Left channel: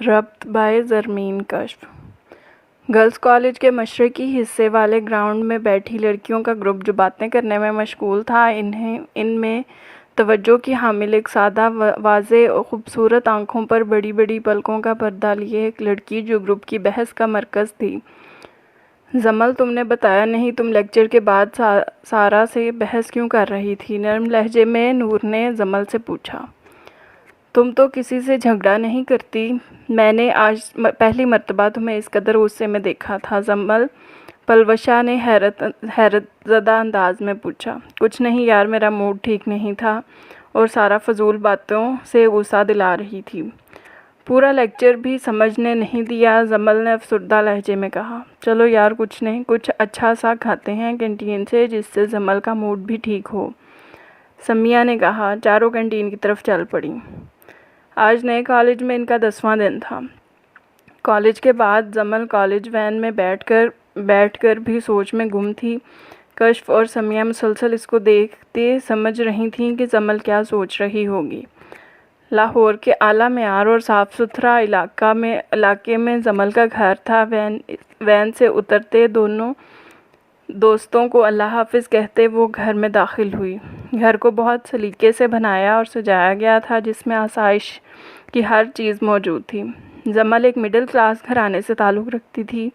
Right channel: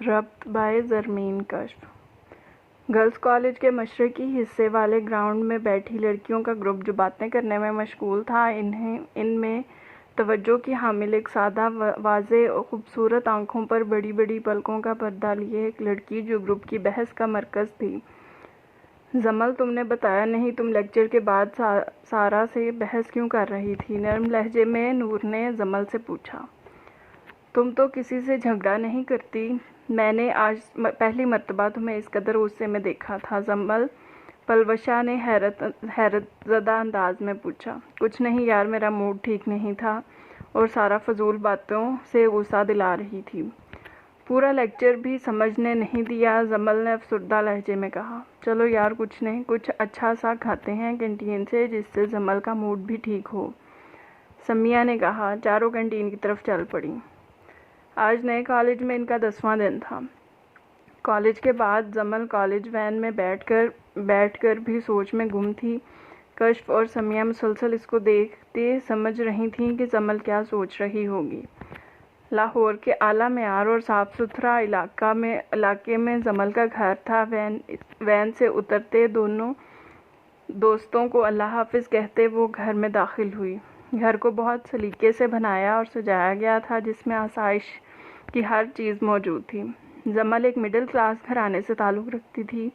रब्त bye ज़रमीन कश्फ। Girls college के मशरक़ी हिस्से वाले ग्राउंड में बैठी लड़कियों का ग्रुप जो बातें करने में मशगूल था, इनमें तवज्जो की हामिल एक सादा वाज़े और ख़ूबसूरत आँखों पर बड़ी बड़ी पलकों का पर्दा लिए एक लड़की जो ग्रुप की बहस का मरकज़ थी। जमल, तुमने बताया नहीं, तुम लेक्चर के बाद सारा से बहस क्यों कर रही थी? नरम लहजे में नूर ने जमल से पूछा। तुम तो किसी से झगड़ा नहीं करती। मैंने आज पहली मर्तबा तुम्हें इस कदर गुस्से में देखा था। जमल पलवशा ने हैरतज़दा अंदाज में पूछा। कुछ नहीं यार, मेरा मूड ठीक नहीं था और सारा फजूल बातों से गुस्सा दिला रही थी। पूरा लेक्चर भी समझने नहीं दिया। जमल ने अफसरदा लहजे में कहा। चलो यार, कुछ नहीं, कुछ अच्छा सा खाते हैं कैंटीन से, जिससे जमल का मूड भी ठीक हो, समिया ने कहा। चारों कैंटीन की तरफ चल पड़ी। आज नए कॉलेज में इनका 10वां दिन था। कॉलेज के बाद जमल कॉलेज वैन में बैठकर भी सोच में गुम थी। कश्फ और समिया मुसलसल इसको देखते समझ रही थीं कि जमल क्या सोच रही होगी। लाहौर के आला मेयार और साफ़ सुथरा इलाके में जमल का घर था। वैन से उतरते दोनों दोस्तों को अल्लाह हाफिज़ कहते वो घर में दाखिल हुई। घर को बहुत सलीके से बनाया और सजाया गया था, जिसमें आसाइश की हर चीज़ मौजूद थी। जमल एक मिडिल क्लास घराने से ताल्लुक़ रखती थी।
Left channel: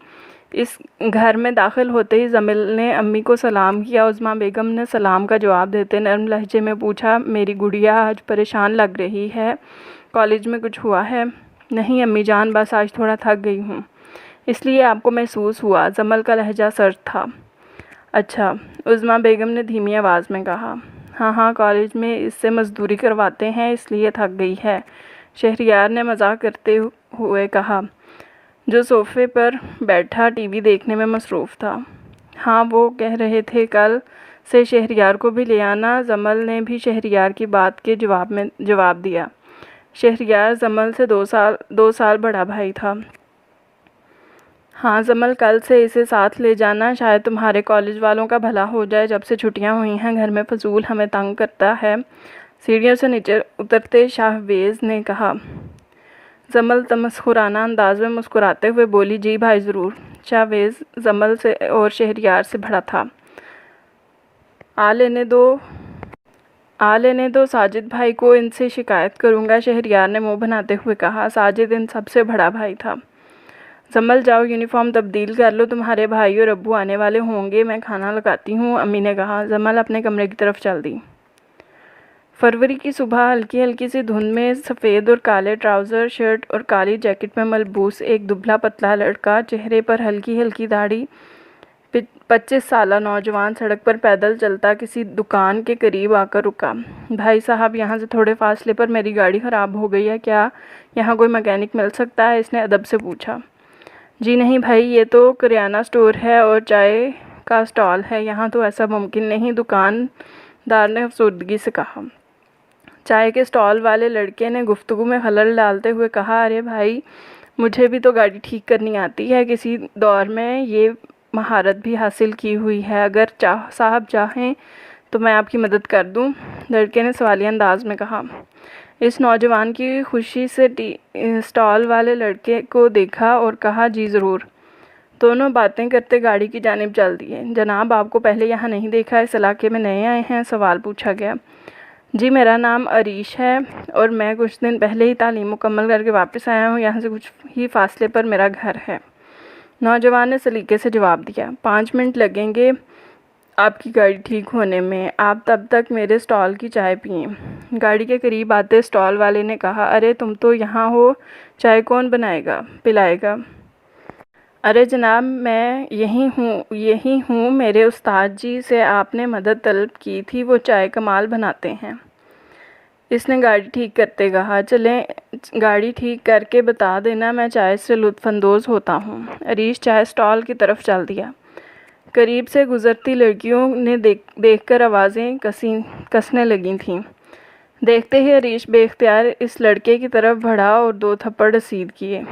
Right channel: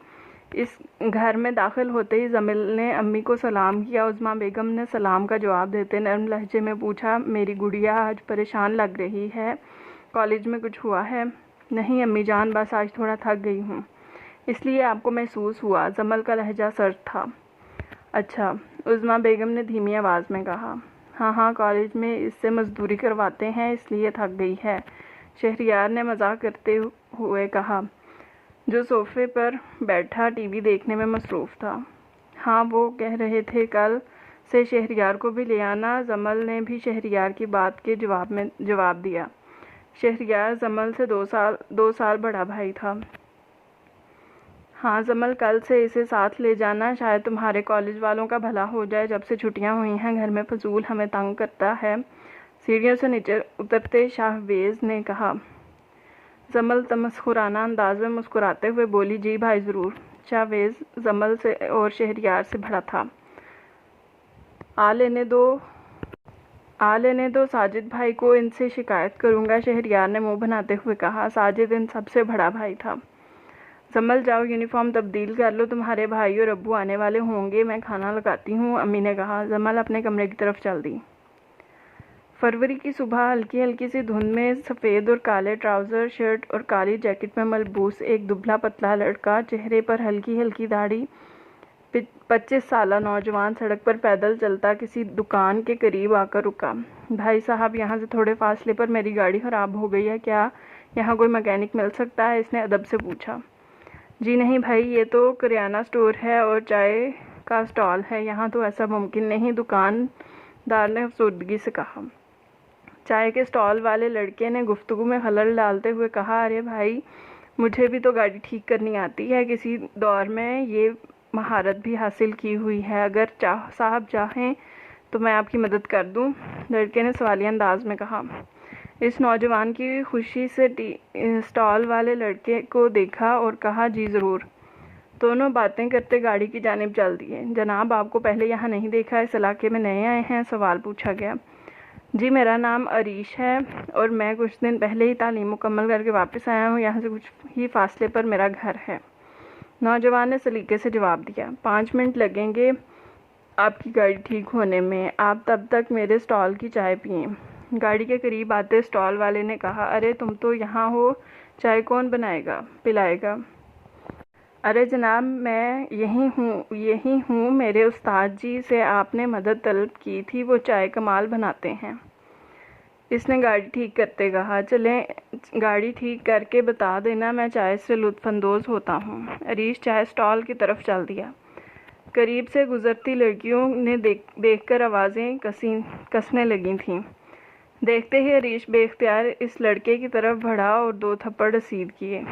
इस घर में दाखिल होते ही जमल ने अम्मी को सलाम किया। उज़्मा बेगम ने सलाम का जवाब देते नरम लहजे में पूछा, मेरी गुड़िया आज परेशान लग रही है, कॉलेज में कुछ हुआ है? नहीं अम्मी जान, बस आज थोड़ा थक गई हूँ, इसलिए आपको महसूस हुआ। जमल का लहजा सर्द था। अच्छा, उज़्मा बेगम ने धीमी आवाज़ में कहा। हाँ, कॉलेज में इससे मज़दूरी करवाते हैं, इसलिए थक गई है, शहरियार ने मजाक करते हुए कहा, जो सोफ़े पर बैठा टीवी देखने में मसरूफ़ था। हाँ, वो कह रहे थे कल से शहरियार को भी ले आना। जमल ने भी शहरियार की बात के जवाब दिया। शहरियार जमल से 2 साल बड़ा भाई था। हाँ जमल, कल से इसे साथ ले जाना, शायद तुम्हारे कॉलेज वालों का भला हो जाए। जब से छुट्टियां हुई हैं घर में फजूल हमें तंग करता है। सीढ़ियों से नीचे उतरते शाहवेज़ ने कहा। जमल तमस्खुराना अंदाज में मुस्कुराते हुए बोली, जी भाई ज़रूर। शाहवेज़ जमल से और शहरियार से भरा था। आ लेने दो साजिद भाई को, इनसे शिकायत करूँगा, शहरियार ने मुँह बनाते हुए कहा। साजिद इन सबसे बड़ा भाई था। जमल, जाओ यूनिफॉर्म तब्दील कर लो, तुम्हारे भाई और अब्बू आने वाले होंगे, मैं खाना लगाती हूँ, अम्मी ने कहा। जमल अपने कमरे की तरफ चल दी। फरवरी की सुबह हल्की हल्की सी धुंध में सफ़ेद और काले ट्राउज़र, शर्ट और काली जैकेट में मलबूस एक दुबला पतला लड़का, चेहरे पर हल्की हल्की दाढ़ी, 25 साला नौजवान सड़क पर पैदल चलता किसी दुकान के करीब आकर रुका। भाई साहब, यहाँ से थोड़े फासले पर मेरी गाड़ी ख़राब हो गई है, क्या यहाँ कोई मैकेनिक मिल सकता है? इसने अदब से पूछा। जी नहीं भाई, ये तो करियाना स्टोर है और चाय का स्टॉल है, यहाँ तो ऐसा मुमकिन नहीं, दुकानदार ने अफसरदगी से कहा। चाय के स्टॉल वाले लड़के ने गुफ्तगू में खलल डालते हुए कहा, अरे भाई, मुझे भी तो गाड़ी ठीक करनी आती है, किसी दौर में ये महारत भी हासिल की हुई है, अगर साहब चाहें तो मैं आपकी मदद कर दूं, लड़के ने सवालिया अंदाज में कहा। इस नौजवान की खुशी से स्टॉल वाले लड़के को देखा और कहा, जी ज़रूर। दोनों बातें करते गाड़ी की जानिब चल दिए। जनाब, आपको पहले यहाँ नहीं देखा, इस इलाके में नए आए हैं? सवाल पूछा गया। जी, मेरा नाम अरीश है और मैं कुछ दिन पहले ही तालीम मुकम्मल करके वापस आया हूँ, यहाँ से कुछ ही फासले पर मेरा घर है, नौजवान ने सलीके से जवाब दिया। 5 मिनट लगेंगे आपकी गाड़ी ठीक होने में, आप तब तक मेरे स्टॉल की चाय पिएं। गाड़ी के करीब आते स्टॉल वाले ने कहा, अरे तुम तो यहाँ हो, चाय कौन पिलाएगा? अरे जनाब, मैं यही हूँ, मेरे उस्ताद जी से आपने मदद तलब की थी, वो चाय कमाल बनाते हैं, इसने गाड़ी ठीक करते कहा। चलें, गाड़ी ठीक करके बता देना, मैं चाय से लुत्फ़अंदोज़ होता हूँ। अरीश चाय स्टॉल की तरफ चल दिया। करीब से गुज़रती लड़कियों ने देखकर आवाज़ें कसने लगी थीं। देखते ही अरीश बेख्तियार इस लड़के की तरफ बढ़ा और 2 थप्पड़ रसीद किए।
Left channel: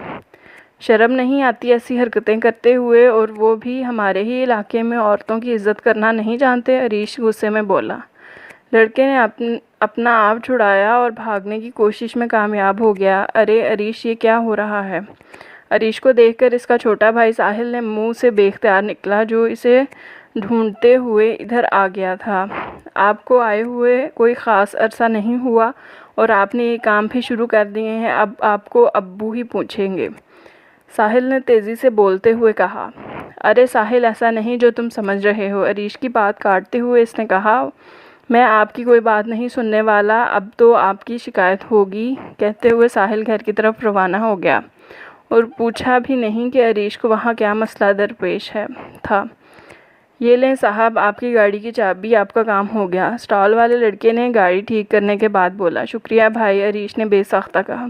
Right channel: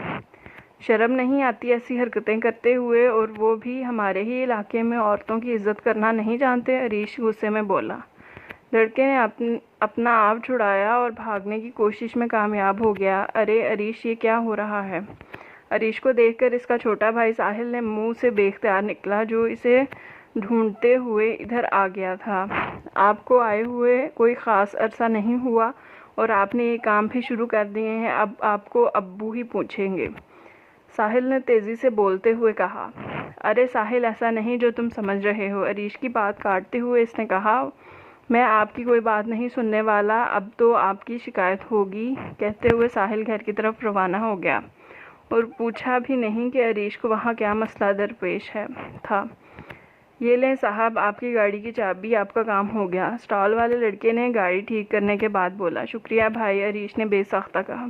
शर्म नहीं आती ऐसी हरकतें करते हुए, और वो भी हमारे ही इलाके में औरतों की इज़्ज़त करना नहीं जानते? अरीश गुस्से में बोला। लड़के ने अपना आप छुड़ाया और भागने की कोशिश में कामयाब हो गया। अरे अरीश, ये क्या हो रहा है? अरीश को देखकर इसका छोटा भाई साहिल ने मुंह से बेख्तियार निकला, जो इसे ढूंढते हुए इधर आ गया था। आपको आए हुए कोई ख़ास अरसा नहीं हुआ और आपने ये काम भी शुरू कर दिए हैं। अब आपको अब्बू ही पूछेंगे, साहिल ने तेज़ी से बोलते हुए कहा। अरे साहिल, ऐसा नहीं जो तुम समझ रहे हो, अरीश की बात काटते हुए इसने कहा। मैं आपकी कोई बात नहीं सुनने वाला, अब तो आपकी शिकायत होगी। कहते हुए साहिल घर की तरफ रवाना हो गया और पूछा भी नहीं कि अरीश को वहाँ क्या मसला दरपेश था। ये लें साहब, आपकी गाड़ी की चाबी, आपका काम हो गया, स्टॉल वाले लड़के ने गाड़ी ठीक करने के बाद बोला। शुक्रिया भाई, अरीश ने बेसख्ता कहा।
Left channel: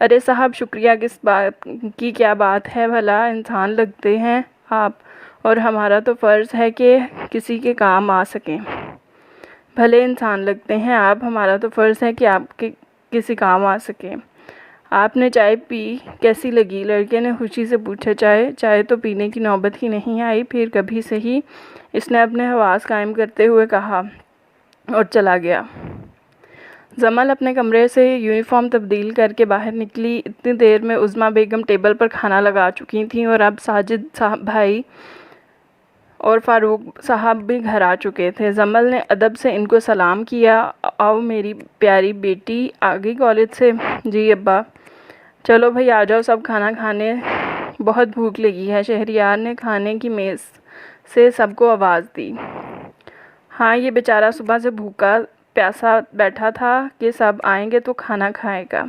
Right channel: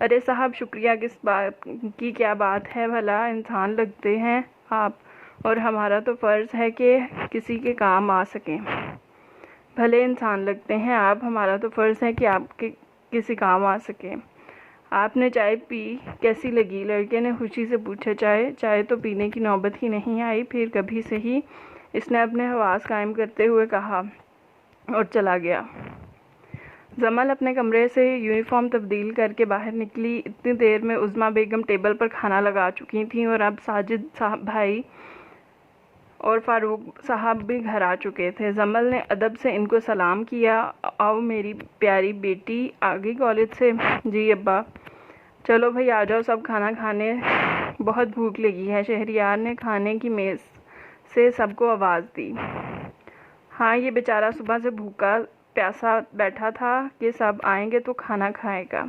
अरे साहब, शुक्रिया किस बात की, क्या बात है भला, इंसान लगते हैं आप, और हमारा तो फ़र्ज़ है कि किसी के काम आ सकें। भले इंसान लगते हैं आप, हमारा तो फ़र्ज़ है कि आपके किसी काम आ सकें। आपने चाय पी, कैसी लगी? लड़के ने खुशी से पूछा। चाय तो पीने की नौबत ही नहीं आई, फिर कभी से ही, इसने अपने हवास कायम करते हुए कहा और चला गया। जमल अपने कमरे से यूनिफॉर्म तब्दील करके बाहर निकली। इतनी देर में उज़्मा बेगम टेबल पर खाना लगा चुकी थीं और अब साजिद साहब भाई और फ़ारूक साहब भी घर आ चुके थे। जमल ने अदब से इनको सलाम किया। आओ मेरी प्यारी बेटी, आ गई कॉलेज से? जी अब्बा। चलो भाई आ जाओ सब खाना खाने, बहुत भूख लगी है। शहरियार ने खाने की मेज़ से सबको आवाज़ दी। हाँ, ये बेचारा सुबह से भूखा प्यासा बैठा था कि सब आएंगे तो खाना खाएगा।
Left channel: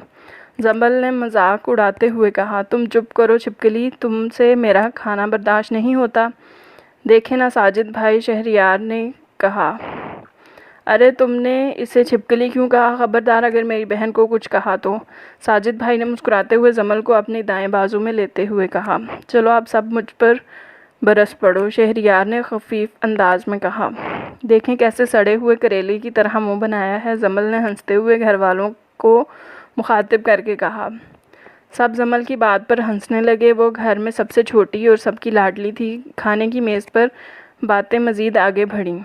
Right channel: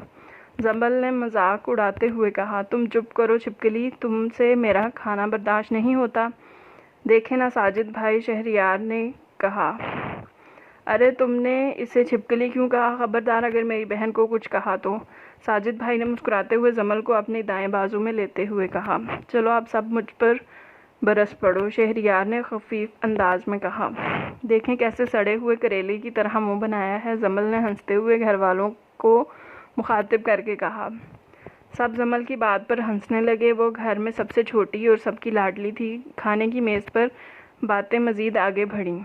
जमल ने मजाक उड़ाते हुए कहा। तुम चुप करो छिपकली, तुमसे मेरा खाना बर्दाश्त नहीं होता। देखे ना साजिद भाई, शहरियार ने कहा। अरे तुमने इसे छिपकली क्यों कहा? ख़बरदार अगर मेरी बहन को कुछ कहा तो। साजिद भाई ने मुस्कुराते हुए जमल को अपने दाएं बाजू में लेते हुए कहा। चलो आप सब मुझ पर बरस पड़ो, शहरियार ने खफीफ अंदाज में कहा। देखें कैसे सड़े हुए करेले की तरह मुंह बनाया है, जमल ने हंसते हुए घर वालों को मुखातिब करके कहा। सब जमल की बात पर हंसने लगे। वो घर में सबसे छोटी और सबकी लाडली थी। खाने की मेज़ पर बातें मज़ीद आगे बढ़ीं।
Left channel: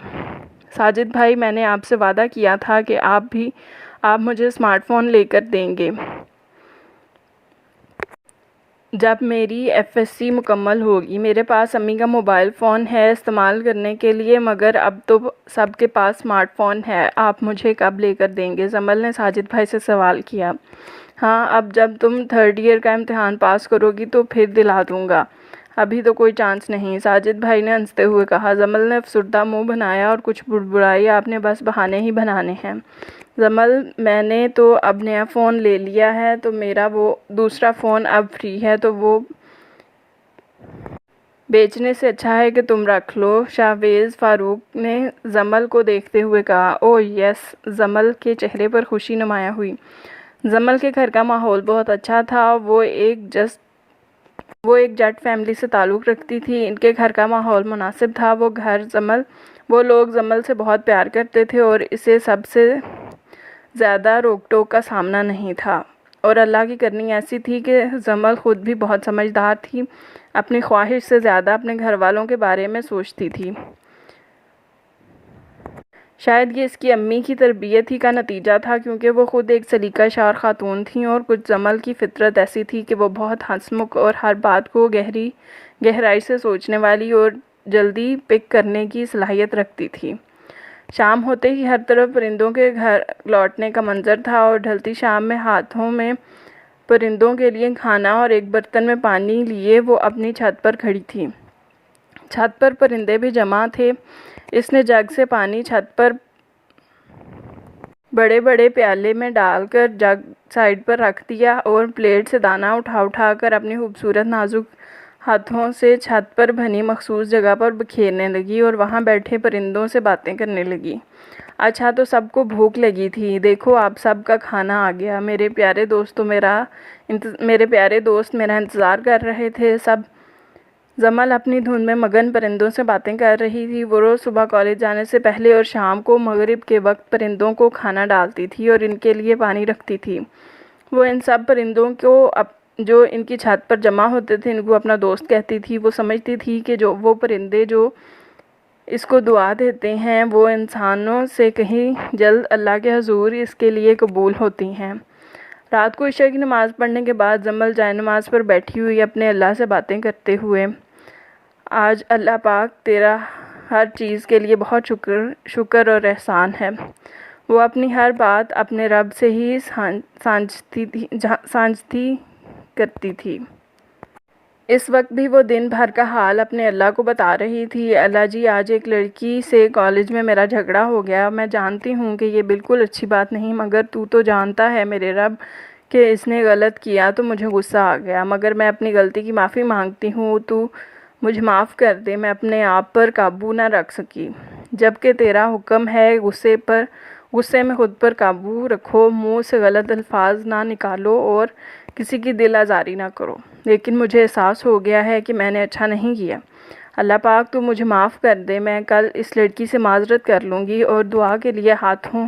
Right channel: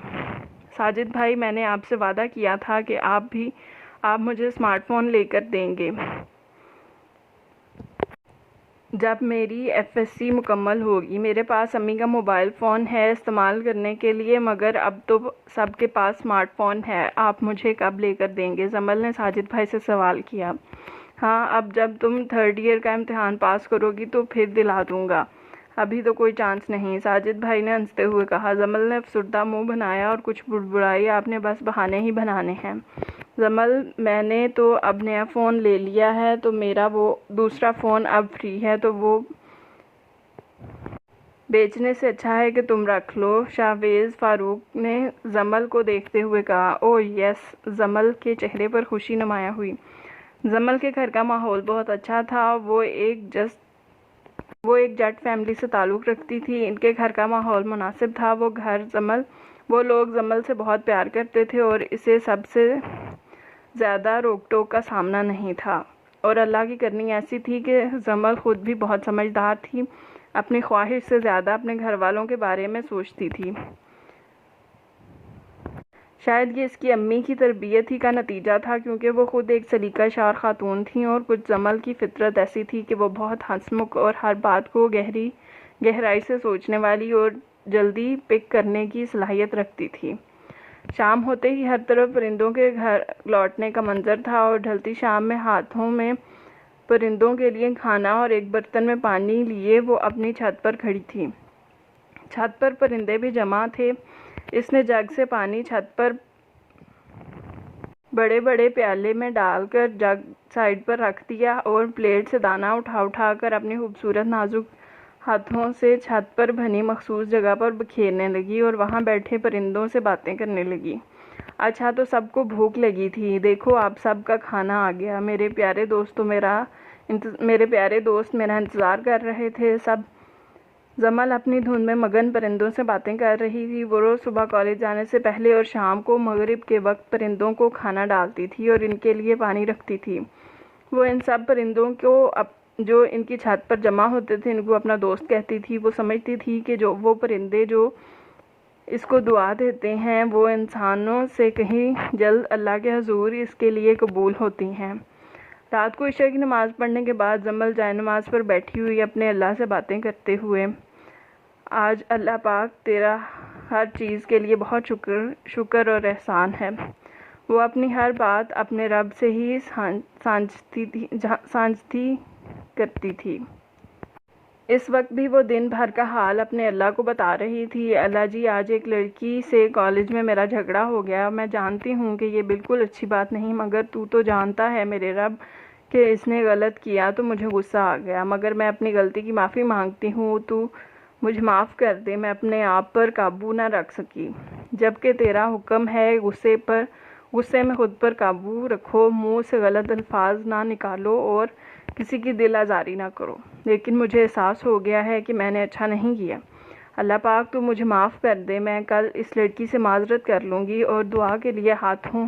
साजिद भाई, मैंने आपसे वादा किया था कि आप मुझे स्मार्टफ़ोन लेकर देंगे जब मेरी एफएससी मुकम्मल होगी। मेरे पास अम्मी का मोबाइल फ़ोन है इस्तेमाल करने के लिए, मगर अब तो सबके पास स्मार्टफ़ोन है। आप मुझे कब लेकर देंगे? जमल ने साजिद भाई से सवाल किया। हाँ, अब जब तुम 3rd ईयर का इम्तिहान पास करोगी तो फिर दिला दूँगा, अभी तो कोई चांस नहीं, साजिद भाई ने हंसते हुए कहा। जमल ने अफसुर्दा मुंह बनाया और कुछ बुड़बुड़ाई। आपने बस बहाने ही बनाने हैं। जमल, मैंने तो अब नया फ़ोन ले लिया है, तो मेरा वो दूसरा फ़ोन अब फ्री है, तो वो बेचने से अच्छा है कि तुम रख लो। शाहवेज़ फ़ारूक ने जमल को देखते हुए कहा। ओह यस, जमल के चेहरे पर खुशी नुमाया हुई। जमल के घर का माहौल बहुत अच्छा था। वो एक जट फैमिली से ताल्लुक़ रखती थी। इनके घर का माहौल मुनासिब था। वो लोग जमल से बहुत प्यार करते थे और इसे सबसे ज़्यादा रोक टोक का सामना नहीं था। और अल्लाह की करनी ऐसी थी कि जमल ख़ुद भी बहुत समझदार थी। अपनी ख्वाहिश से ज़्यादा अपने घर वालों के बारे में सोचती थी। शायद ये इसकी अम्मी की तरबियत ही का नतीजा था, क्योंकि वो ख़ुद एक सलीकाशार ख़ातून थीं और कुछ जमल की फ़ितरत ऐसी थी कि वो बहुत हंसमुख और हर बात को गहराई से सोचने वाली और जल्दी पिक करने की सलाहियत रखती थी। शाम होते ही हर तरफ परिंदों के घर लौटने का मंजर था और ढलती शाम में हाथों में परिंदों के लिए खाना और एक बर्तन में पानी लिए वो अपनी छत पर खड़ी थी। छत पर परिंदे भी जमा थे। इसने जग से पानी छत पर बड़े बड़े प्याले में डालकर जग साइड पर रख दिया और प्लेट से दाना उठा कर अपनी खूबसूरत नाजुक हाथों से छत पर बनी मखसूस जगह पर बिखेरने लगी और वहाँ बैठे परिंदों से बातें करने लगी। अच्छा, तो सबको भूख लगी थी। देखो आप सब का खाना आ गया। मेरे प्यारे दोस्त मेरा इंतज़ार कर रहे थे। सब जमल अपनी धुन में मगन परिंदों से बातें कर रही थी। वो रोज़ सुबह कॉलेज जाने से पहले और शाम को मगरिब के वक्त परिंदों को खाना डालती थी और इनके लिए पानी रखती थी। वो इन सब परिंदों को जो इनकी छत पर जमा होते थे, इनको अपना दोस्त कहती थी। वो समझती थी कि वो परिंदे जो इसको दुआ देते हैं वो इंसानों से कहीं जल्द अल्लाह के हुजूर इसके लिए कबूल होती हैं। रात को इशा की नमाज़ पढ़ने के बाद जमल जाए नमाज पर बैठी हुई अपने अल्लाह से बातें करते हुए, आज अल्लाह पाक तेरा हर चीज़ के लिए बहुत शुक्र और एहसान है। वो अपनी हर बात अपने रब से ही सांझती करती थी। इस वक्त भी वो दिन भर का हाल अपने अल्लाह को बता रही थी। अल्लाह जी, आज एक लड़की से कॉलेज में मेरा झगड़ा हो गया। मैं जानती हूँ कि ये बिल्कुल अच्छी बात नहीं, मगर तू तो जानता है मेरे रब कि इसने गलत किया तो मुझे गुस्सा आ गया, मगर मैं अपनी गलती की माफ़ी मांगती हूँ। तू मुझे माफ़ कर दे, मैं अपने आप पर काबू ना रख सकी, जबकि तेरा हुक्म है गुस्से में खुद पर काबू रखो, मुँह से गलत अल्फाज ना निकालो और किसी की दिल आज़ारी ना करो। लेकिन मुझे एहसास हो गया है कि मैंने अच्छा नहीं किया। अल्लाह पाक तू मुझे माफ़ कर दे। मैं कल इस लड़की से माजरत कर लूँगी। और दुआ के लिए हाथों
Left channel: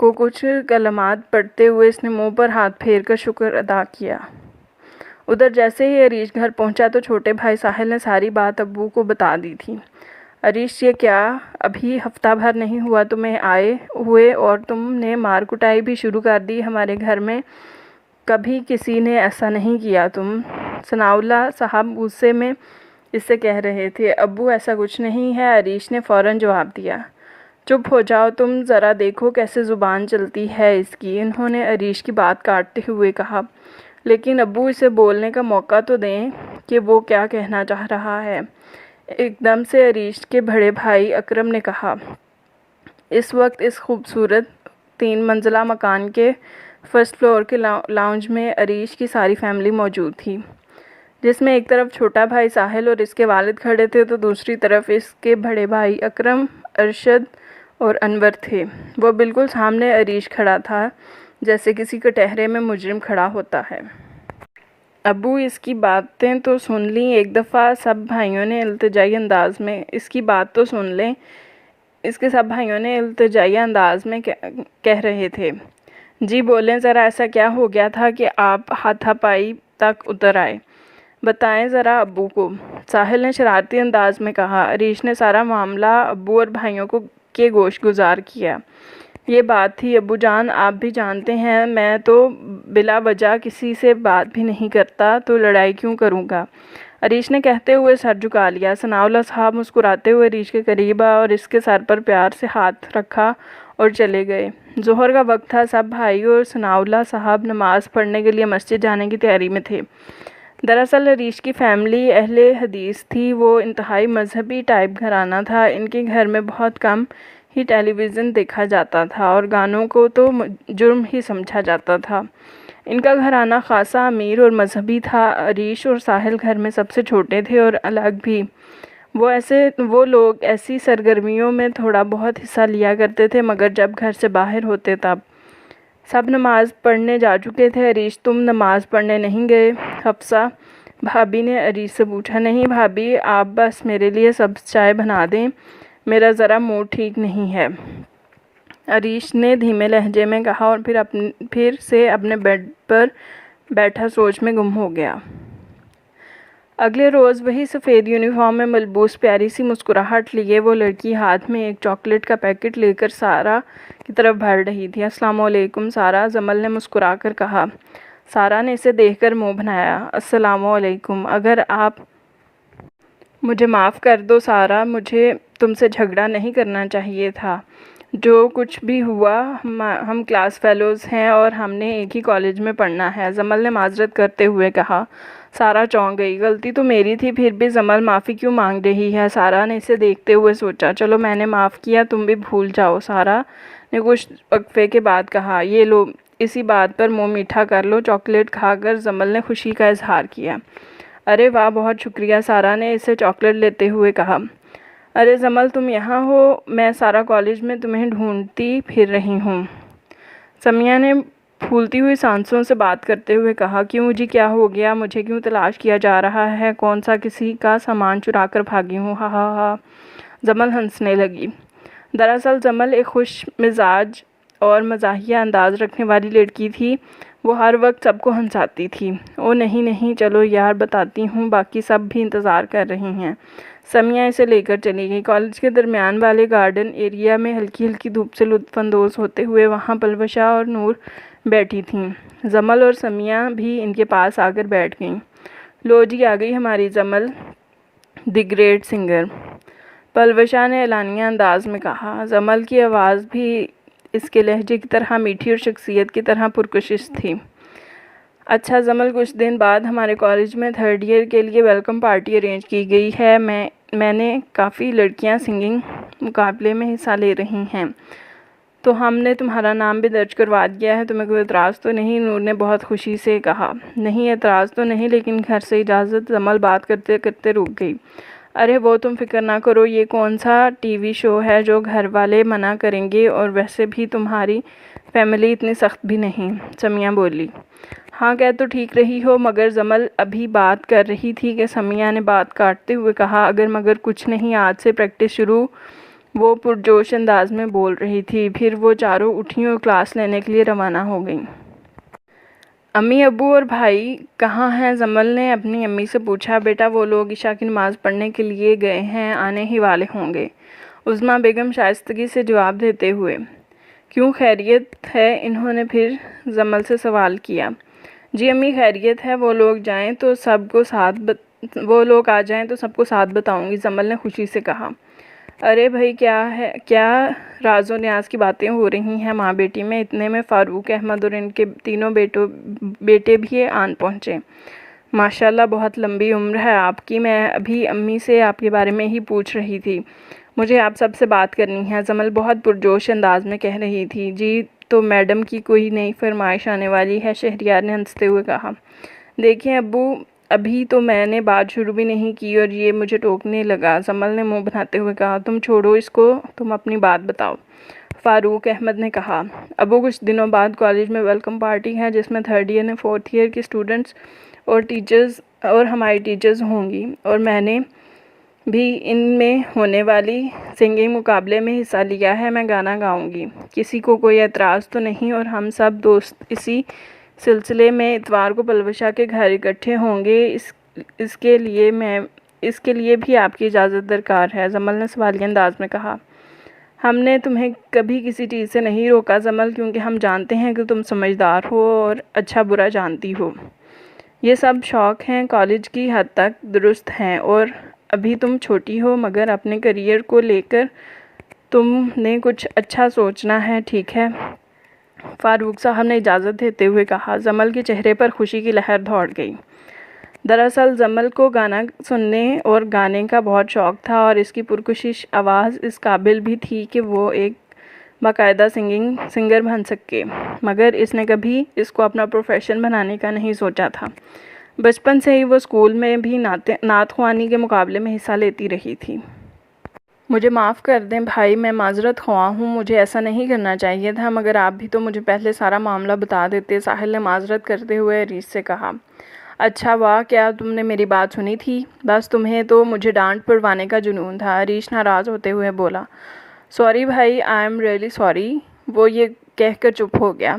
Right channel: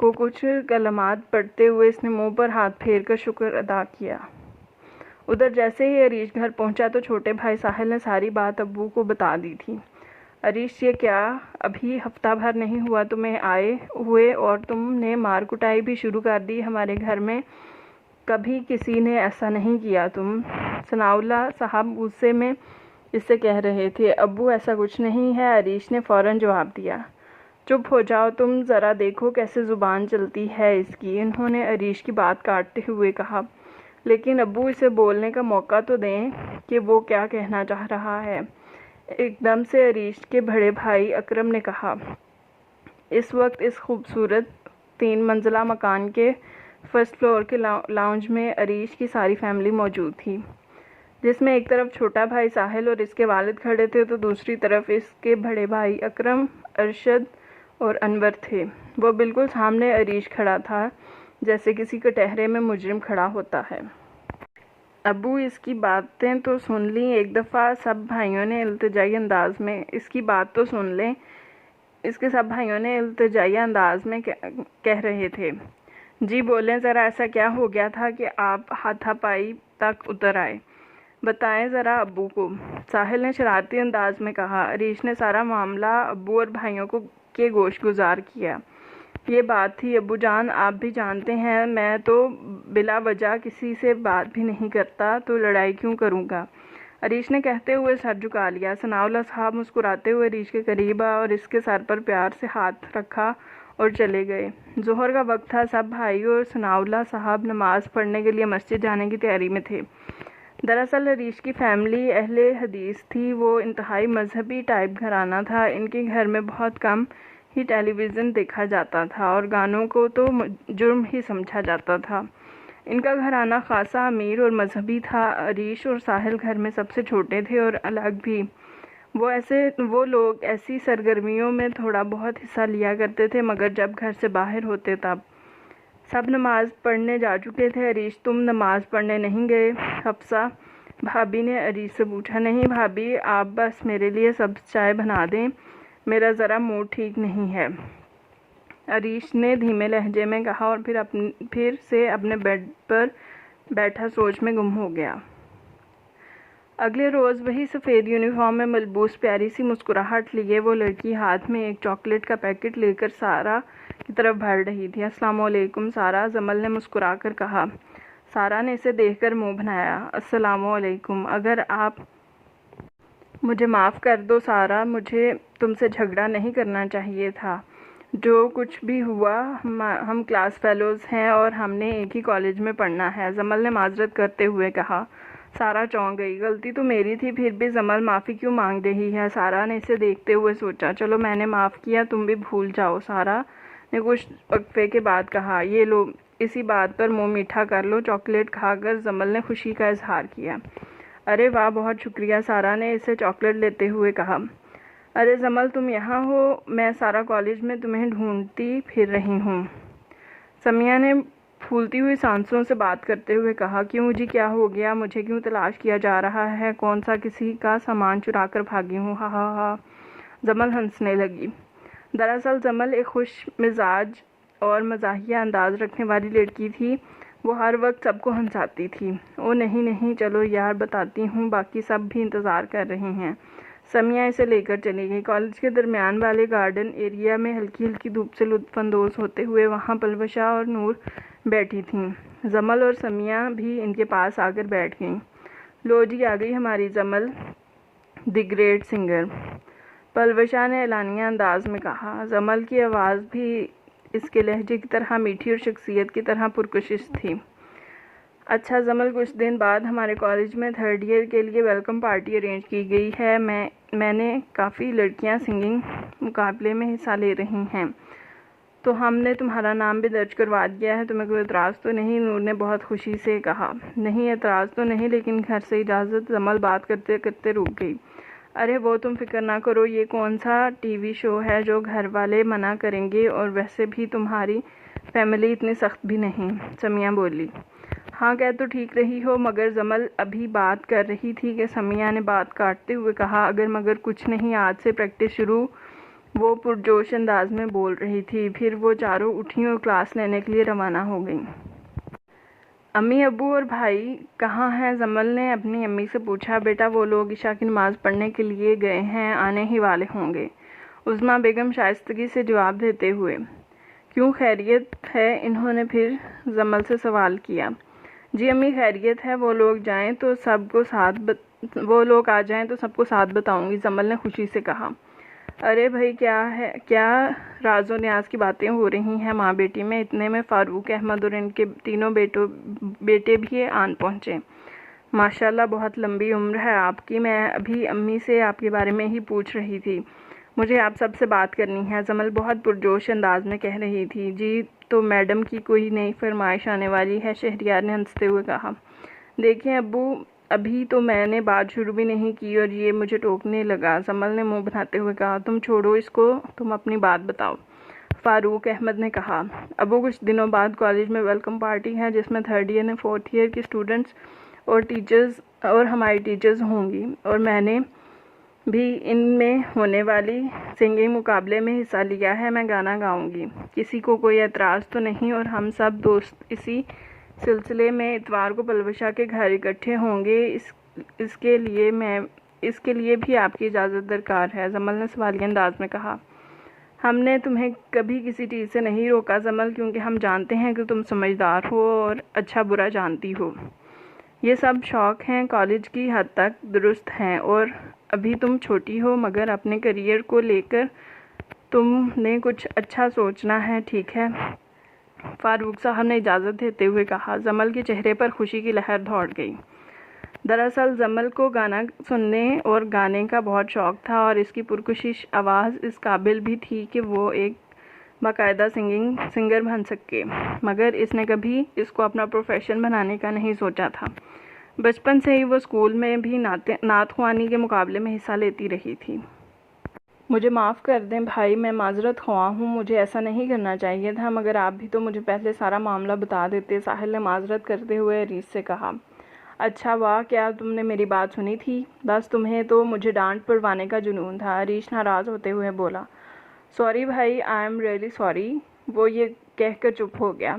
को कुछ कलमात पढ़ते हुए इसने मुंह पर हाथ फेर कर शुक्र अदा किया। उधर जैसे ही अरीश घर पहुंचा तो छोटे भाई साहिल ने सारी बात अब्बू को बता दी थी। अरीश, ये क्या, अभी हफ्ता भर नहीं हुआ तुम्हें आए हुए और तुमने मार कुटाई भी शुरू कर दी। हमारे घर में कभी किसी ने ऐसा नहीं किया। तुम सनाउल्लाह साहब गुस्से में इससे कह रहे थे। अब्बू, ऐसा कुछ नहीं है, अरीश ने फ़ौरन जवाब दिया। चुप हो जाओ तुम, ज़रा देखो कैसे ज़ुबान चलती है इसकी, इन्होंने अरीश की बात काटते हुए कहा। लेकिन अब्बू, इसे बोलने का मौका तो दें कि वो क्या कहना चाह रहा है। एकदम से अरीश के बड़े भाई अकरम ने कहा। इस वक्त इस खूबसूरत 3 मंजिला मकान के फर्स्ट फ्लोर के लाउंज में अरीश की सारी फैमिली मौजूद थी, जिसमें एक तरफ छोटा भाई साहिल और इसके वालिद खड़े थे तो दूसरी तरफ इसके बड़े भाई अकरम, अरशद और अनवर थे। वो बिल्कुल सामने अरीश खड़ा था, जैसे किसी कटहरे में मुजरिम खड़ा होता है। अब्बू, इसकी बातें तो सुन ली एक दफ़ा, सब भाइयों ने इल्तिजाई अंदाज में इसकी बात तो सुन लें, इसके सब भाइयों ने इल्तिजाई अंदाज में कह रहे थे। जी बोलें ज़रा, ऐसा क्या हो गया था कि आप हाथापाई तक उतर आए, बताएं ज़रा अब्बू को, साहिल ने शरारती अंदाज में कहा। अरीश ने सारा मामला अब्बू और भाइयों को के गोश गुजार किया। ये बात थी अब्बू जान, आप भी जानते हैं मैं तो बिला वजह किसी से बात भी नहीं करता, तो लड़ाई क्यों करूँगा, अरीश ने कहते हुए सर झुका लिया। सनाउल्लाह साहब मुस्कुराते हुए अरीश के करीब आ और इसके सर पर प्यार से हाथ रखा और चले गए। ज़ोहर का वक्त था। सब भाई और सनाउल्लाह साहब नमाज़ पढ़ने के लिए मस्जिद जाने की तैयारी में थे। दरअसल अरीश की फैमिली अहले हदीस थी। वो इंतहाई मजहबी टाइप घराना था। इनके घर में बहुत कम ही टेलीविज़न देखा जाता था और गानों को तो जुर्म ही समझा जाता था। इनका घराना खासा अमीर और मजहबी था। अरीश और साहिल घर में सबसे छोटे थे और अलग भी। वो लोग ऐसी सरगर्मियों में थोड़ा बहुत हिस्सा लिया करते थे, मगर जब घर से बाहर होते तब सब नमाज़ पढ़ने जा चुके थे। अरीश, तुम नमाज़ पढ़ने नहीं गए? हफ्सा भाभी ने अरीश से पूछा। नहीं भाभी, आप बस मेरे लिए सब चाय बना दें, मेरा ज़रा मूड ठीक नहीं है, अरीश ने धीमे लहजे में कहा और फिर से अपने बेड पर बैठा सोच में गुम हो गया। अगले रोज़ वही सफ़ेद यूनिफॉर्म में मलबूस प्यारी सी मुस्कुराहट लिए वो लड़की हाथ में एक चॉकलेट का पैकेट लेकर सारा की तरफ बढ़ रही थी। अस्सलाम वालेकुम सारा, जमल ने मुस्कुरा कर कहा। सारा ने इसे देखकर मुंह बनाया। अस्सलाम वालेकुम, अगर आप मुझे माफ़ कर दो सारा, मुझे तुमसे झगड़ा नहीं करना चाहिए था। जो कुछ भी हुआ, हम क्लास फेलोज़ हैं और हमने एक ही कॉलेज में पढ़ना है, जमल ने माजरत करते हुए कहा। सारा चौंक गई। गलती तो मेरी थी, फिर भी जमल माफ़ी क्यों मांग रही है? सारा ने इसे देखते हुए सोचा। चलो मैंने माफ़ किया, तुम भी भूल जाओ, सारा ने कुछ वक्फे के बाद कहा। ये लो, इसी बात पर मुँह मीठा कर लो। चॉकलेट खाकर जमल ने खुशी का इजहार किया। अरे वाह, बहुत शुक्रिया, सारा ने इसे चॉकलेट लेते हुए कहा। अरे जमल, तुम यहाँ हो? मैं सारा कॉलेज में तुम्हें ढूंढती फिर रही हूँ, समिया ने फूलती हुई सांसों से बात करते हुए कहा। क्यों जी, क्या हो गया? मुझे क्यों तलाश किया जा रहा है? कौन सा किसी का सामान चुरा कर भागी हूँ? हा हा हा, जमल हंसने लगी। दरअसल जमल एक खुश मिजाज और मज़ाहिया अंदाज रखने वाली लड़की थी। वो हर वक्त सबको हंसाती थी। ओ नहीं नहीं, चलो यार बताती हूँ, बाकी सब भी इंतज़ार कर रही हैं। समिया इसे लेकर चली गई। कॉलेज के दरमियान वाले गार्डन एरिया में हल्की हल्की धूप से लुत्फानंदोज होते हुए वहाँ पलवशा और नूर बैठी थीं। जमल और समिया भी इनके पास आकर बैठ गईं। लो जी, आ गई हमारी जमल, द ग्रेट सिंगर, पलवशा ने एलानिया अंदाज में कहा। जमल की आवाज़ भी इसके लहजे की तरह मीठी और शख्सियत की तरह पुरकशिश थी। अच्छा जमल, कुछ दिन बाद हमारे कॉलेज में 3rd ईयर के लिए वेलकम पार्टी अरेंज की गई है। मैंने काफ़ी लड़कियां सिंगिंग मुकाबले में हिस्सा ले रही हैं, तो हमने तुम्हारा नाम भी दर्ज करवा दिया है। तुम्हें कोई एतराज़ तो नहीं? नूर ने बहुत खुशी से कहा। नहीं, एतराज़ तो नहीं, लेकिन घर से इजाज़त। जमल बात करते करते रुक गई। अरे वो तुम फिक्र ना करो, ये कौन सा टीवी शो है जो घर वाले मना करेंगे, और वैसे भी तुम्हारी फैमिली इतनी सख्त भी नहीं, समिया बोली। हाँ, कह तो ठीक रही हो, मगर जमल अभी बात कर रही थी कि समिया ने बात काटते हुए कहा, अगर मगर कुछ नहीं, आज से प्रैक्टिस शुरू। वो पुरजोश अंदाज में बोल रही थी। फिर वो चारों उठी और क्लास लेने के लिए रवाना हो गई। अम्मी, अब्बू और भाई कहाँ हैं? जमल ने अपनी अम्मी से पूछा। बेटा, वो लोग इशा की नमाज़ पढ़ने के लिए गए हैं, आने ही वाले होंगे, उज़्मा बेगम शाइस्तगी से जवाब देते हुए। क्यों, खैरियत है? इन्होंने फिर जमल से सवाल किया। जी अम्मी, खैरियत है। वो लोग आ जाएं तो सबको साथ बताऊंगी, जमल ने खुशी से कहा। अरे भाई, क्या है, क्या राज़ो न्याज की बातें हो रही हैं माँ बेटी में? इतने में फ़ारूक अहमद और इनके तीनों बेटे भी आन पहुँचे। माशाल्लाह, बहुत लंबी उम्र है आपकी। मैं अभी अम्मी से आपके बारे में ही पूछ रही थी। मुझे आप सबसे बात करनी है, जमल बहुत पुरजोश अंदाज में कह रही थी। जी, तो मैडम की कोई नई फरमाइश आने वाली है? शहरियार ने हंसते हुए कहा। देखिए अब्बू, अभी तो मैंने बात शुरू भी नहीं की और ये मुझे टोकने लगा, जमल ने मुंह बनाते हुए कहा। तुम छोड़ो इसको, तुम अपनी बात बताओ, फ़ारूक अहमद ने कहा। अब्बू, कुछ दिनों बाद कॉलेज में वेलकम पार्टी है, जिसमें 3rd ईयर और 4th ईयर के स्टूडेंट्स और टीचर्स और हमारी टीचर्स होंगी, और मैंने भी इनमें होने वाली सिंगिंग मुकाबले में हिस्सा लिया है। मैं गाना गाऊंगी, किसी को कोई एतराज़ तो नहीं? और हम सब दोस्त इसी सिलसिले में इतवार को पलवशा के घर इकट्ठे होंगे। इसके लिए भी आपकी इजाज़त दरकार है, जमल ने सवालिया अंदाज में कहा। हमने तुम्हें कभी किसी चीज़ से नहीं रोका जमल, क्योंकि हम जानते हैं कि तुम समझदार हो और अच्छा बुरा जानती हो। ये सब शौक़ हैं, कॉलेज की हद तक दुरुस्त हैं, और अभी तुम छोटी हो, मगर अपने करियर को लेकर तुमने कुछ अच्छा सोचना है, ठीक है? फ़ारूक साहब ने इजाज़त देते हुए कहा। जमल के चेहरे पर खुशी की लहर दौड़ गई। दरअसल जमल को गाना सुनने और गाने का बहुत शौक़ था, और इसकी पुरकशिश आवाज़ इस काबिल भी थी कि वो एक बाकायदा सिंगर बन सके, मगर इसने कभी इसको अपना प्रोफेशन बनाने का नहीं सोचा था। बचपन से ही वो स्कूल में भी नात ख्वानी के मुकाबले में हिस्सा लेती रही थी। मुझे माफ़ कर दें भाई, मैं माजरत ख्वाह हूँ, मुझे ऐसा नहीं करना चाहिए था, मगर आप भी तो मुझे पहले सारा मामला बता देते, साहिल ने माजरत करते हुए अरीश से कहा। अच्छा वाह, क्या तुमने मेरी बात सुनी थी? बस तुम्हें तो मुझे डांट पड़वाने का जुनून था, अरीश नाराज़ होते हुए बोला। सॉरी भाई, आई एम रियली सॉरी, वो ये कहकर चुप हो गया।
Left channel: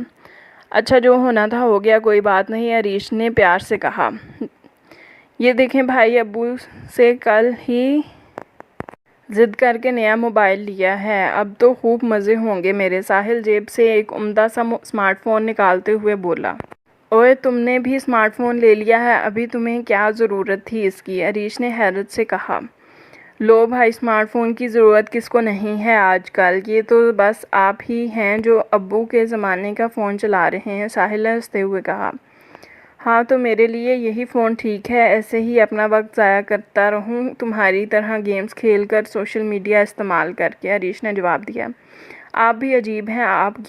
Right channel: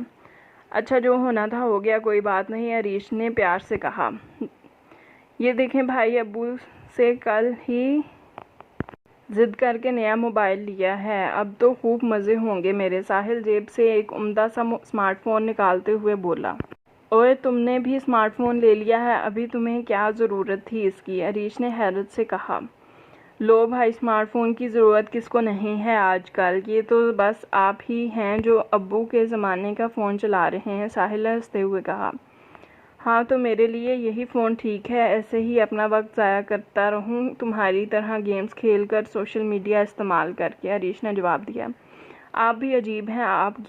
अच्छा, जो होना था हो गया, कोई बात नहीं, अरीश ने प्यार से कहा। ये देखें भाई, अब्बू से कल ही ज़िद करके नया मोबाइल लिया है, अब तो खूब मज़े होंगे मेरे। साहिल जेब से एक उम्दा सा स्मार्टफ़ोन निकालते हुए बोला। ओए, तुमने भी स्मार्टफ़ोन ले लिया है? अभी तुम्हें क्या ज़रूरत थी इसकी? अरीश ने हैरत से कहा। लो भाई, स्मार्टफ़ोन की ज़रूरत किसको नहीं है आजकल, ये तो बस आप ही हैं जो अब्बू के ज़माने का फ़ोन चला रहे हैं, साहिल ने हंसते हुए कहा। हाँ, तो मेरे लिए यही फ़ोन ठीक है, ऐसे ही अपना वक्त ज़ाया करता रहूँ तुम्हारी तरह, गेम्स खेल कर, सोशल मीडिया इस्तेमाल करके, अरीश ने जवाब दिया। आप भी अजीब हैं, आप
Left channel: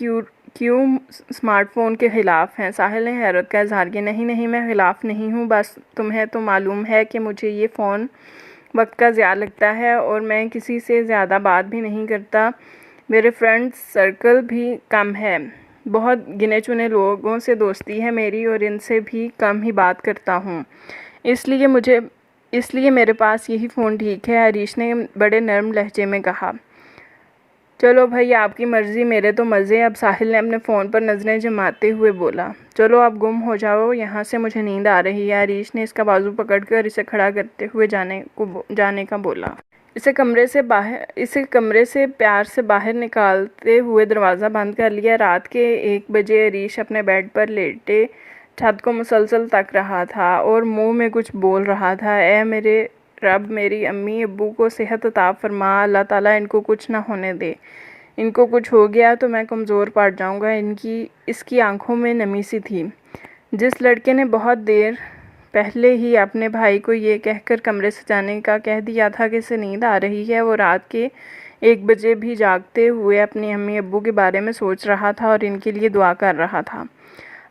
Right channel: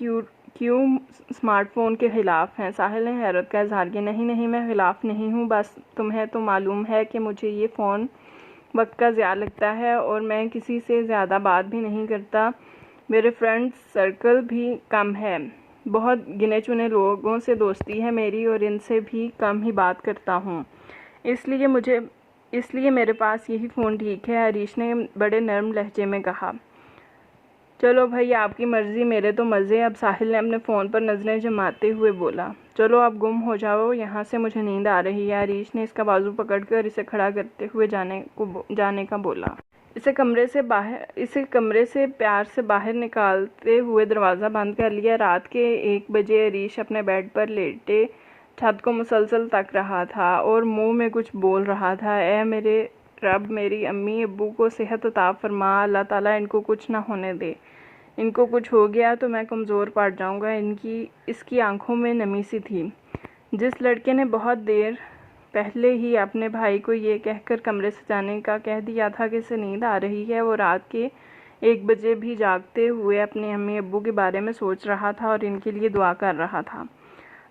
क्यों स्मार्टफ़ोन के ख़िलाफ़ हैं? साहिल ने हैरत का इजहार किया। नहीं, मैं ख़िलाफ़ नहीं हूँ, बस तुम्हें तो मालूम है कि मुझे ये फ़ोन वक्त का ज़्यादा लगता है, और मैं किसी से ज़्यादा बात भी नहीं करता, मेरे फ्रेंड्स सर्कल भी कम है, बहुत गिने चुने लोगों से दोस्ती है मेरी, और इनसे भी कम ही बात करता हूँ, इसलिए मेरे पास यही फ़ोन ठीक है, अरीश ने बड़े नरम लहजे में कहा। चलो भाई आपकी मर्ज़ी, मेरे तो मज़े। अब साहिल ने अपने फ़ोन पर नज़रें जमाते हुए बोला। चलो आप गुम हो जाओ यहाँ से, मुझे नींद आ रही है। अरीश ने इसका बाजू पकड़कर इसे खड़ा करते हुए जाने का बोला। इसे कमरे से प्यार से बाहर निकालते हुए दरवाज़ा बंद कर लिया। रात के 1 बजे अरीश अपने बेड पर लेटे छत को मुसलसल तक रहा था और मुंह में कुछ बोल रहा था। ए मेरे रब, मेरी अम्मी अब्बू को सेहत अता फरमा, अल्लाह ताला इनको कुछ ना होने दे। इनको कुछ हो गया तो मैं कमज़ोर पड़ जाऊंगा। इसकी आंखों में नमी सी थी। जिस लड़के ने बहुत देर पहले ही अपने भाई को ये कहकर कमरे से जाने का कह दिया था कि इसे नींद आ रही है, वो रात के 1 बजे भी जागते हुए अपनी अम्मी अब्बू के बारे में सोच रहा था और इनके लिए दुआ कर रहा था।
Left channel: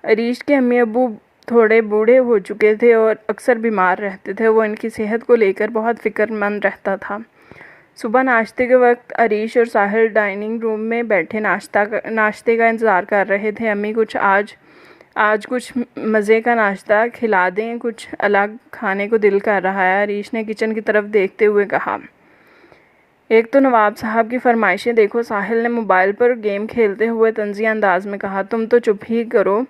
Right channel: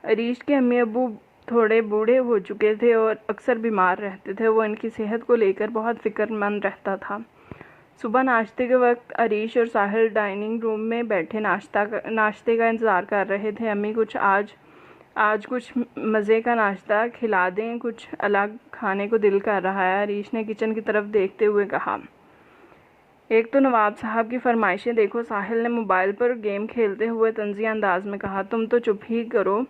अरीश के अम्मी अब्बू थोड़े बूढ़े हो चुके थे और अक्सर बीमार रहते थे। वो इनकी सेहत को लेकर बहुत फ़िक्रमंद रहता था। सुबह नाश्ते के वक्त अरीश और साहिल डाइनिंग रूम में बैठे नाश्ते का इंतज़ार कर रहे थे। अम्मी कुछ आज कुछ मज़े का नाश्ता खिला दें, कुछ अलग खाने को दिल कर रहा है। अरीश ने किचन की तरफ देखते हुए कहा। एक तो नवाब साहब की फरमाइशें देखो, साहिल ने मोबाइल पर गेम खेलते हुए तंज़िया अंदाज में कहा। तुम तो चुप ही करो,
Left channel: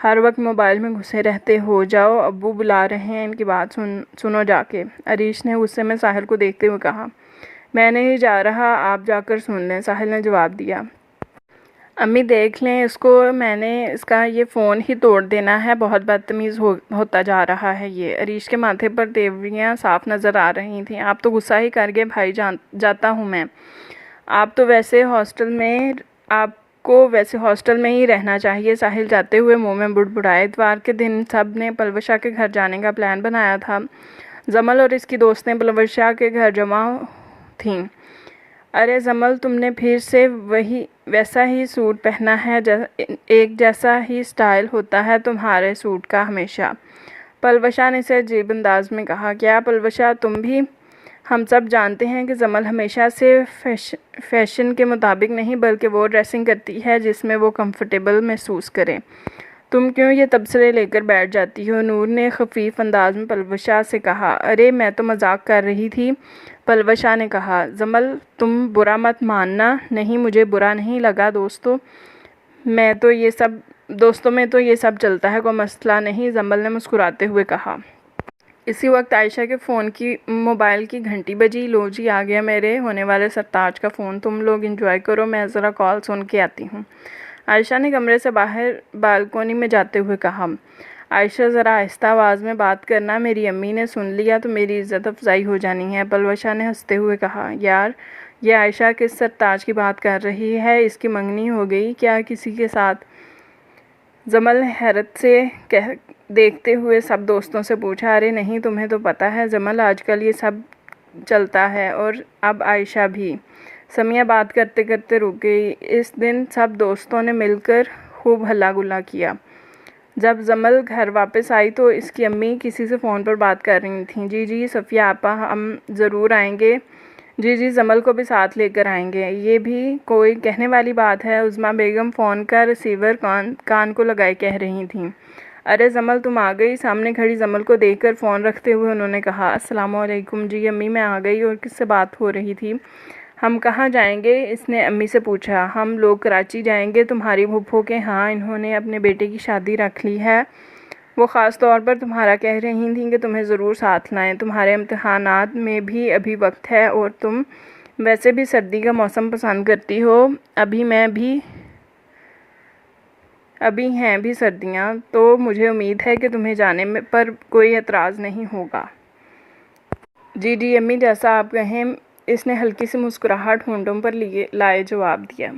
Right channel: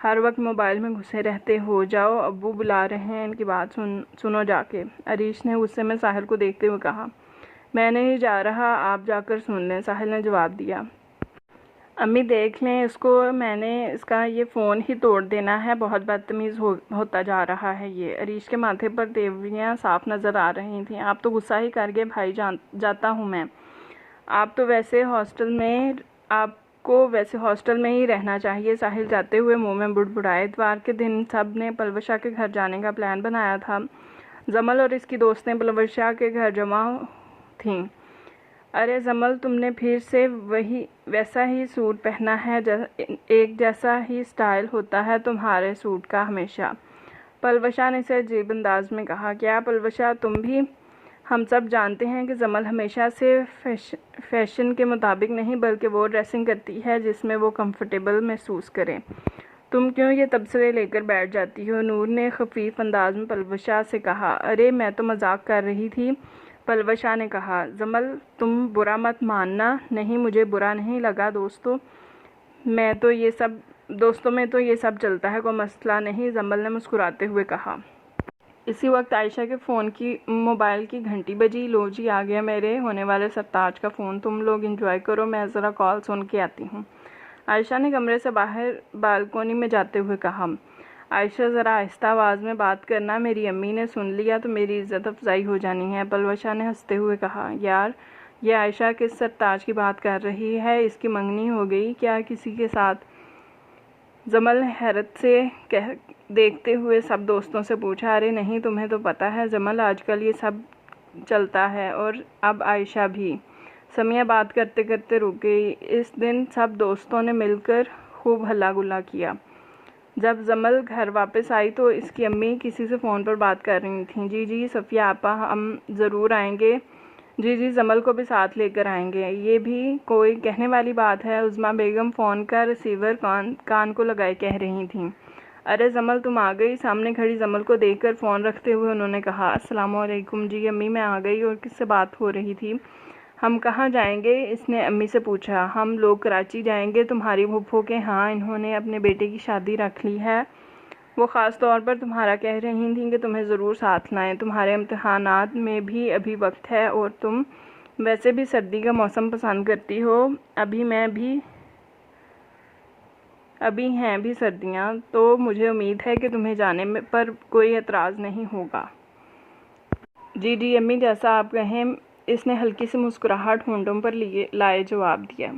हर वक्त मोबाइल में घुसे रहते हो। जाओ, अब्बू बुला रहे हैं, इनकी बात सुनो जाके। अरीश ने गुस्से में साहिल को देखते हुए कहा। मैं नहीं जा रहा, आप जाकर सुन लें, साहिल ने जवाब दिया। अम्मी देख लें इसको, मैंने इसका ये फ़ोन ही तोड़ देना है, बहुत बदतमीज़ होता जा रहा है ये। अरीश के माथे पर तेवरियाँ साफ नज़र आ रही थीं। आप तो गुस्सा ही कर गए भाई, जाता हूँ मैं। आपको वैसे हॉस्टल में ही रहना चाहिए। साहिल जाते हुए मुंह में बुड़बुड़ाए। इतवार के दिन सब ने पलवशा के घर जाने का प्लान बनाया था। जमल और इसकी दोस्तें पलवशा के घर जमा थीं। अरे जमल, तुमने फिर से वैसा ही सूट पहना है, एक जैसा ही स्टाइल होता है तुम्हारे सूट का हमेशा, पलवशा ने इसे अजीब अंदाज में कहा। क्या पलवशा, तुम भी? हम सब जानते हैं कि जमल हमेशा से फैशन के मुताबिक नहीं, बल्कि वो ड्रेसिंग करती है जिसमें वो कंफर्टेबल महसूस करे। तुम क्यों ये तबसरे लेकर बैठ जाती हो? नूर ने खफीफ अंदाज में पलवशा से कहा। अरे मैं तो मजाक कर रही थी, पलवशा ने कहा। जमल, तुम बुरा मत मानना। नहीं, मुझे बुरा नहीं लगा। दोस्तों में तो ये सब चलता है, कोई मसला नहीं, जमल ने मुस्कुराते हुए कहा। इसी वक्त आयशा के मोबाइल की घंटी बजी। लो जी, आ गया मेरे होने वाले सरताज का फ़ोन, तुम लोग एंजॉय करो, मैं ज़रा कॉल सुन के आती हूँ। आयशा ने कमरे से बाहर बालकोनी में जाते हुए कहा। आयशा, ज़रा आहिस्ता आवाज़ में बात करना, मेरी अम्मी ने सुन लिया तो मेरी इज़्ज़त अफजाई हो जानी है। पलवशा ने हंसते हुए कहा। यार, ये आयशा किस सरताज की बात कर रही है? इसकी मंगनी हो गई क्या किसी के साथ? जमल ने हैरत से देखते हुए सब दोस्तों से पूछा। अरे नहीं, तुम्हें तो पता है जमल, आजकल ये सब चलता है। और अब आयशा भी। समिया बात करते करते रुक गई। इस दिन सब दोस्तों ने मिलकर खूब हल्ला गुल्ला किया। जब जमल घर वापस आई तो इसकी अम्मी किसी से फ़ोन पर बात कर रही थी। जी सफ़िया आपा, हम ज़रूर आएंगे। जी जमल को भी साथ लेकर आएंगे। ये भी कोई कहने वाली बात है? उज़्मा बेगम फ़ोन का रिसीवर कान को लगाए कह रही थीं। अरे जमल, तुम आ गई? सामने खड़ी जमल को देखकर फ़ोन रखते हुए उन्होंने कहा। अस्सलाम वालेकुम। जी अम्मी, मैं आ गई। और किससे बात हो रही थी? हम कहाँ जाएंगे? इसने अम्मी से पूछा। हम लोग कराची जाएंगे, तुम्हारी फूफो के यहाँ। इन्होंने अपने बेटे की शादी रख ली है। वो ख़ास तौर पर तुम्हारा कह रही थी कि तुम्हें ज़रूर साथ लाएं। तुम्हारे इम्तहानात में भी अभी वक्त है और तुम वैसे भी सर्दी का मौसम पसंद करती हो। अभी हैं भी सर्दियाँ, तो मुझे उम्मीद है कि तुम्हें जाने पर कोई एतराज़ नहीं होगा। जी अम्मी, जैसा आप कहें, इसने हल्की सी मुस्कुराहट होंठों पर लाए जवाब दिया।